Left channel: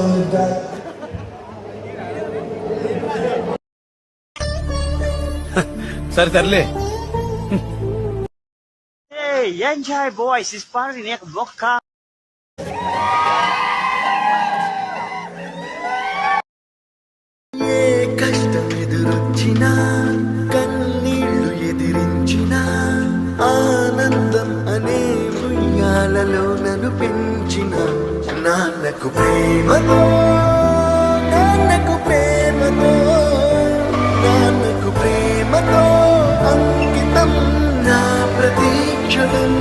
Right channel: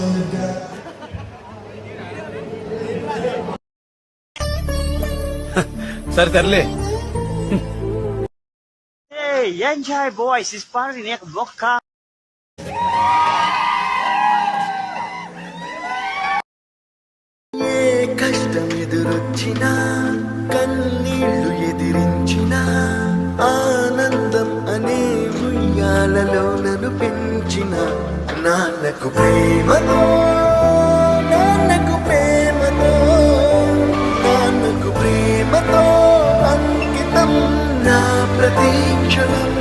on the back. సరే తరలే. Hey, enjoy boys, it's party neck vodka. ఏ కష్టం ఎదురొచ్చినా కన్నీళ్లు ఎదిరించినా ఆనందం అనే ఉయ్యాలలో నన్ను పెంచిన నాన్నకు ప్రేమతో నాన్నకు ప్రేమతో నాన్నకు ప్రేమతో అంకితం నా ప్రతీక్షణం.